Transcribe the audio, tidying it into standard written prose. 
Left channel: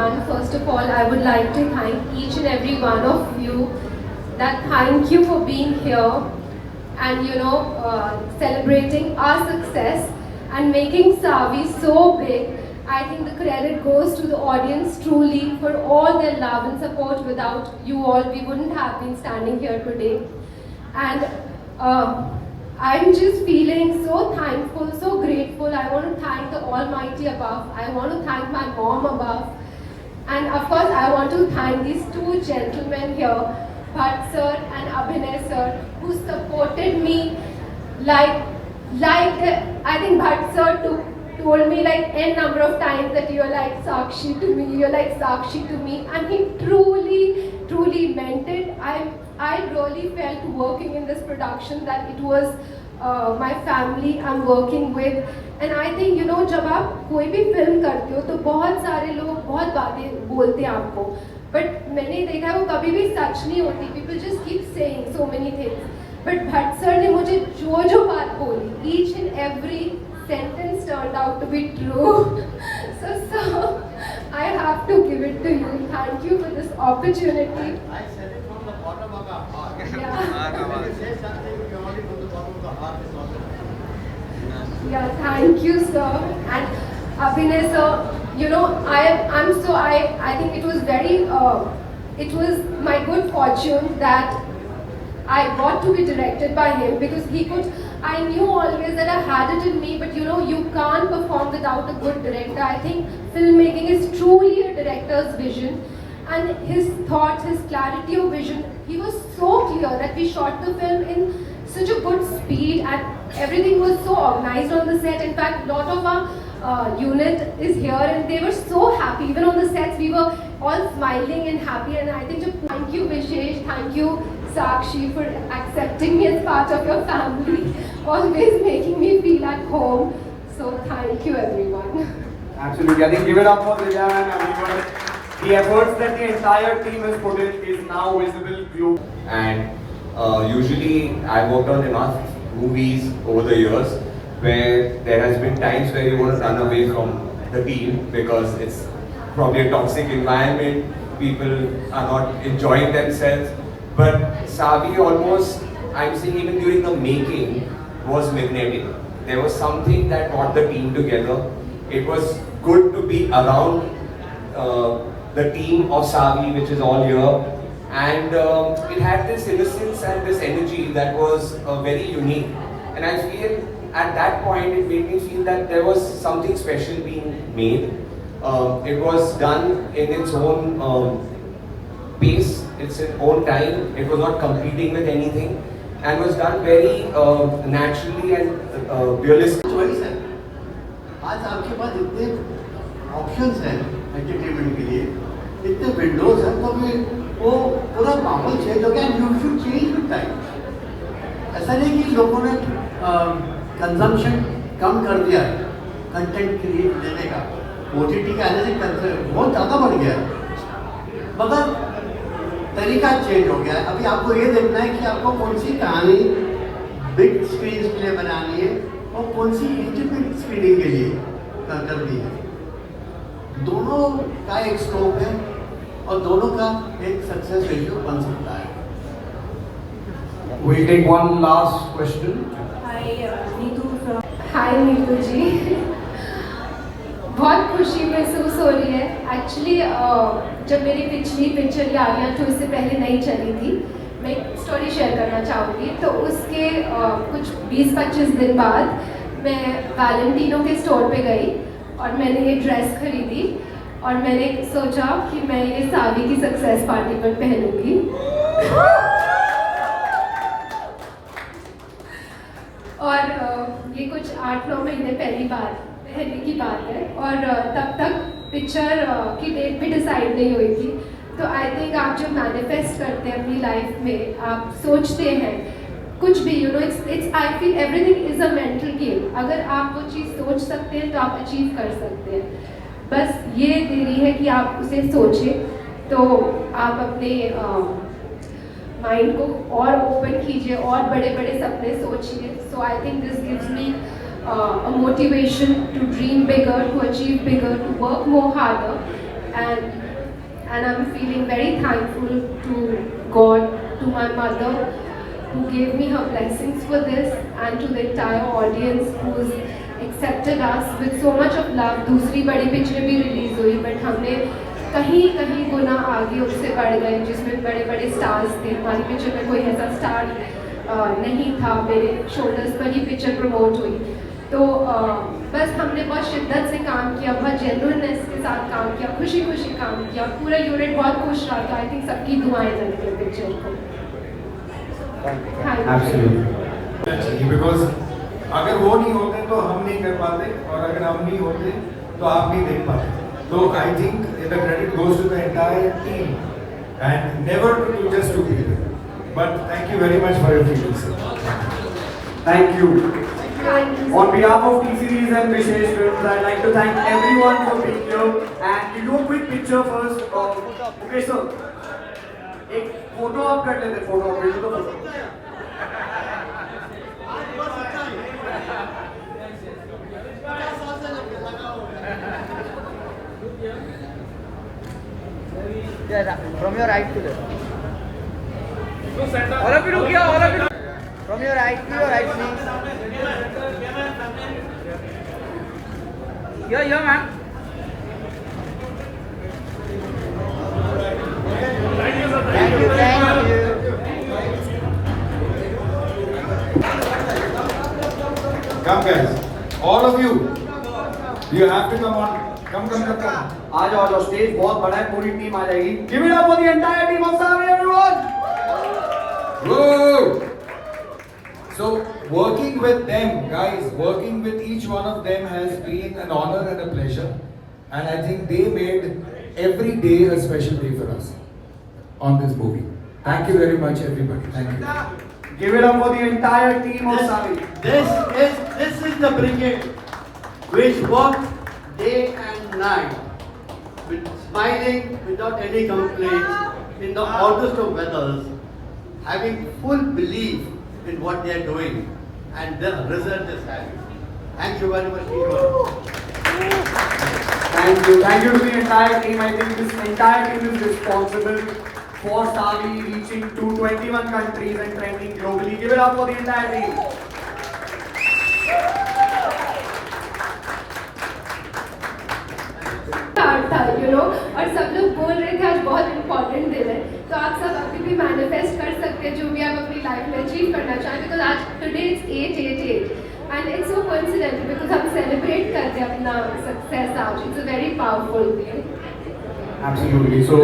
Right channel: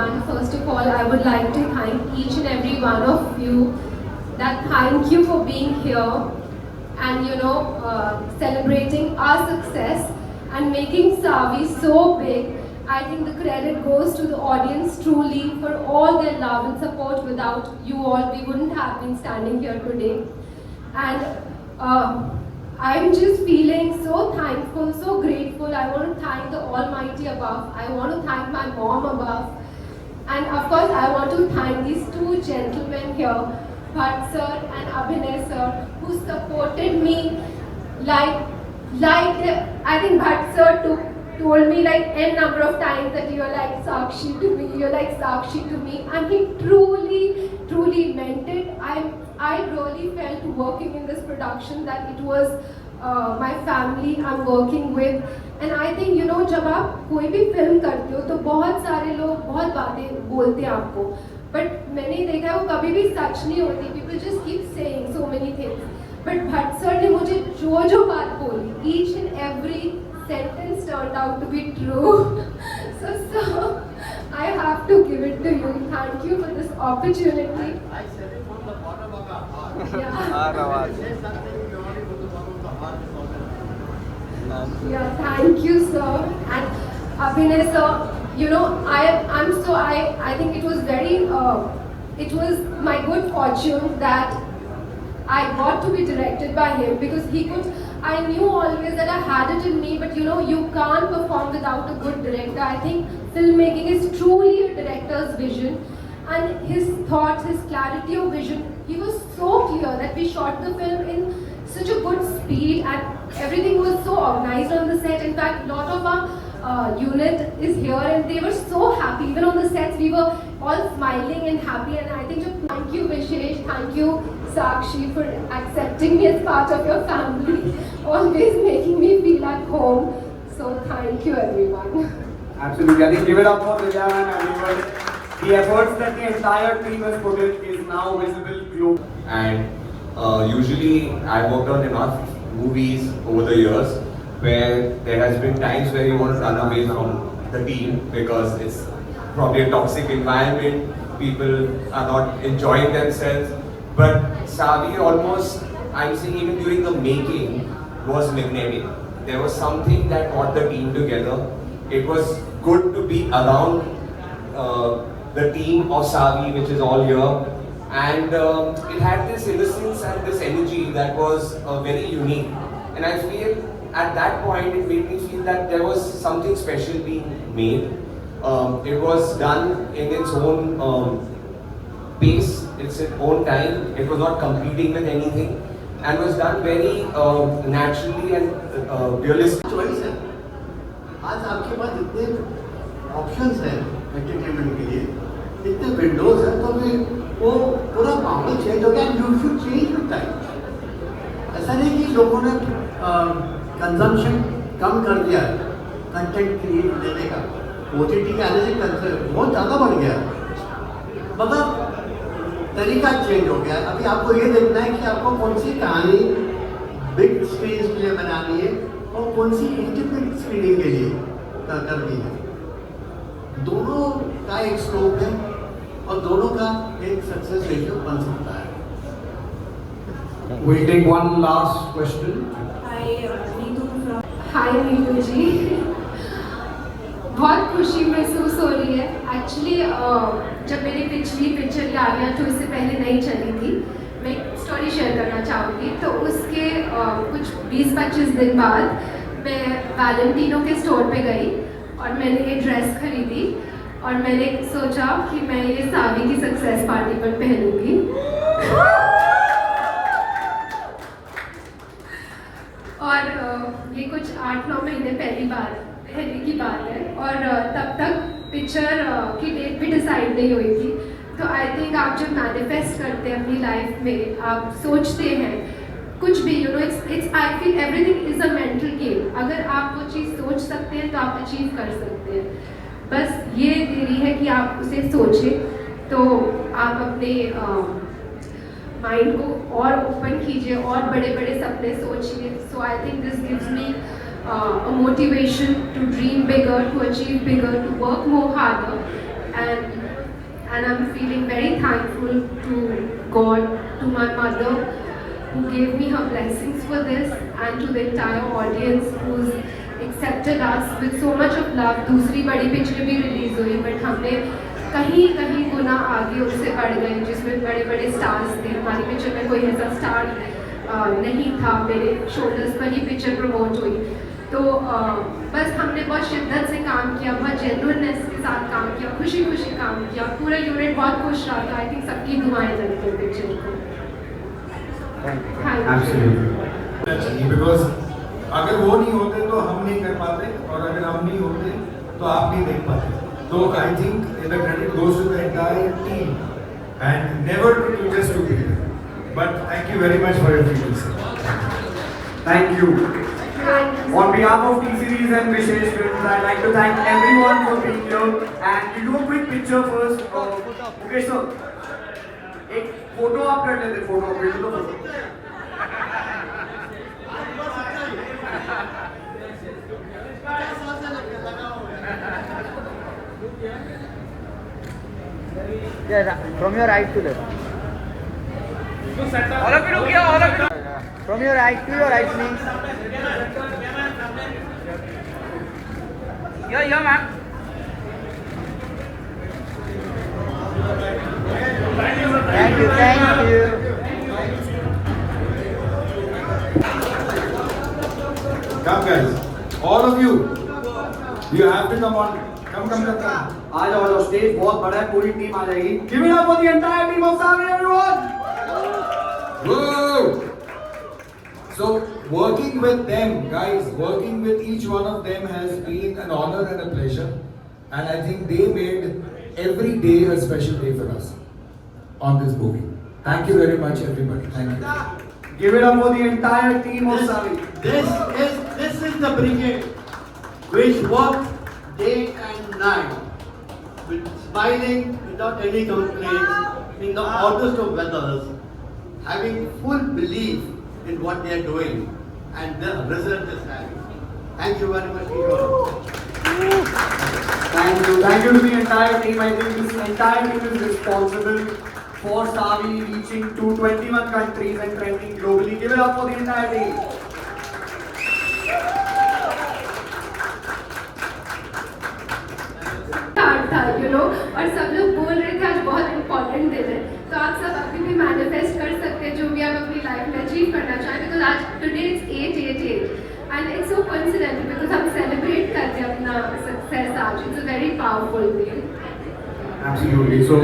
everyone. First of all, I would like to thank each and every one of you. That thank you for being here and celebrating our success and making Savi so big. I think the credit goes to the audience truly for all their love and support. Without you all, we wouldn't have been standing here today. And I'm just feeling so thankful, so grateful. I want to thank the Almighty above. I want to thank my mom above. And of course, I want to thank these two gentlemen here, Bhatt sir and Abhinay sir, who supported me like I think Bhatt sir told me like n number of times that you're like Sakshi to me, you're like Sakshi to me, and he truly meant it. I really felt working in this production that it was my family I'm working with. And I think जब आप कोई भी film करते हो तो बहुत सारे लोग बहुत बातें बोलते हैं आपको, बट मैंने देखा वो कभी भी सच नहीं होती. People just keep saying so many things. But Bhatt sir ने मुझे जो बात बोली, each and every sentence turned out to be true. So sir, I have to give it to you. Thank you for this opportunity. I said it from the bottom of our heart. Yeah. Say something you only from the bottom of the heart. Yeah, thank you, sir. And Abhinay, sir, I think it was it was my good fortune that I got to be directed by him, because I knew always that I had it in me, but you can't perform without a good director. I think filmmaking is truly a director's vision, and his thoughts, his clarity of vision, he was so clear that we shot the film in such a good speed and everything was so organized on the set. In fact, a lot of our unit is here and they were so happy. Even on the sets, we were all smiling and happy. And I think thank you, Vishesh, thank you, Sakshi, for accepting me as part of your family, always making me feel at home. So thank you, everyone. Absolutely. I think give it up for Vivian and everyone. The efforts that the entire team has put in is now visible globally. And usually I worked on enough movies over the years where there has been times where you want to run away from the team because it's probably a toxic environment, people are not enjoying themselves. But Savi almost, I'm saying even during the making, was magnetic. There was something that brought the team together. It was good to be around the team of Savi, which is all here. And it had this innocence and this energy that was very unique. And I feel at that point it made me feel that there was something special being made. It was done in its own pace, its own time. It was not competing with anything, and was done very naturally and realistic. Choice है. आज आपके पास इतने options हैं entertainment के लिए, इतने Windows हैं, तो फिर वो पूरा माहौल चेंज हो गया. You should change with time. ऐसा नहीं कि लोगों ने कंजम्पशन कम कर दिया कंटेंट क्रिएट देने का. OTT का आने से बहुत ज़्यादा बढ़ गया, मगर तरीका चेंज हो गया है. अभी आपको ये देखना है कि आपको कौन सी कहानी बिग स्क्रीन के लिए बनानी है और कौन सी इंटीमेट स्क्रीनिंग के लिए करनी है. दोनों का एक स्कोप है और दोनों का एक सक्सेस रेशियो बन सकता है. We'll take one last question. Hi Neetu जी, बहुत खुशी महसूस हो रही है. एक्चुअली जब मेरी पिछली पिक्चर यारियां जो इससे पहले नहीं चली थी, मैं एक स्टोरी शेयर करना चाहूँगी. तो उसके कुछ 20-25 दिन बाद मैं वैलेंटिनो के स्टोर पे गई और मैंने ये ड्रेस खरीदी और मैंने सोचा कि मैं ये सावी की सक्सेस पार्टी पर पहनूंगी. और ये कुछ 8-9 महीने पहले की बात है और तब तक पिक्चर की डेट भी डिसाइड नहीं हुई थी. तो आई थिंक आप जब मैनिफेस्ट करते हैं अपनी लाइफ में, आप सोचते हैं कुछ भी, it's I feel everything is a mental game. अगर आप वो चीज़ सोच सकते हैं तो आप अचीव कर सकते हैं. बस ये देरी है कि आप उसे सोचें. तो आप अपने माइंड को और ओपन कीजिए और बड़े बड़े सपने सोचिए. So I think this gives me a motivation to dream bigger, to achieve bigger, to work more harder. and I'm feeling very thankful to God, to my mother, who gave me her blessings for this, and to the entire audience who's accepted us with so much of love. दूसरी बड़ी picture भी release हुई, but हमने कहीं कहीं गुना आगे उससे बढ़ गए, जिसमें बड़े बड़े स्टार्स थे. हमारी पिक्चर में कोई ऐसा स्टार नहीं था. मेरे शोल्डर्स पर ही पिक्चर प्रमोट हुई. तो बस हमने बहुत शिद्दत से काम किया, बहुत जेन्युइननेस के साथ काम किया, खुशी खुशी काम किया. पूरा यूनिट बहुत खुश रहा था. आई थिंक सबकी दुआएं लगी है पिक्चर को. Absolutely. बिकॉज अगर वो नहीं होते तो हम नहीं कर पाते, और अगर हम नहीं होते तो आप नहीं देख पाते. तो I think the credit goes to the entire team and never to just two people. But thank you very much for your feelings. Thank you. On behalf of T-Series and Vishesh Films, I'd like to thank everyone for being here. And we'll do a quick picture first. Okay, sir. एक photo आप कर लेते, photo भेजो तो photo. From your right to left. All of you look here, all of you. From your right to your right, please. Here, ma'am. Thank you. Come guys, all of you. You have to come on. Come. आ जाओ, stage बहुत बड़ा है, पूरी team आ जाएगी. Give it up for the entire team of Savi, everyone. Whoa! So working with them, guys, working with each one of them has been an honor and a pleasure, and I think they made every day a special day for us on this movie. Thank you very much, everybody. Thank you. Give it up for the entire team of Savi. This is the brigade which worked day and night, with smiling without any complaints in the hottest of weathers, having full belief in what they are doing, and the result is having. Thank you very much, everyone. Thank you to the entire team. I think this entire team is responsible for Savi reaching to 21 countries and trending globally. Give it up for the entire team. था, और सब लोग बोल रहे थे आज बहुत important दिन है. तो आप सब अभी भी मैनिफेस्ट कर सकते हैं जो भी आप अपनी लाइफ में अचीव करना चाहें, बिकॉज आज today it's 888 and it's so coincidental because हम सेलिब्रेट करते हैं अपना सक्सेस आज. It's a very powerful day. Absolutely. So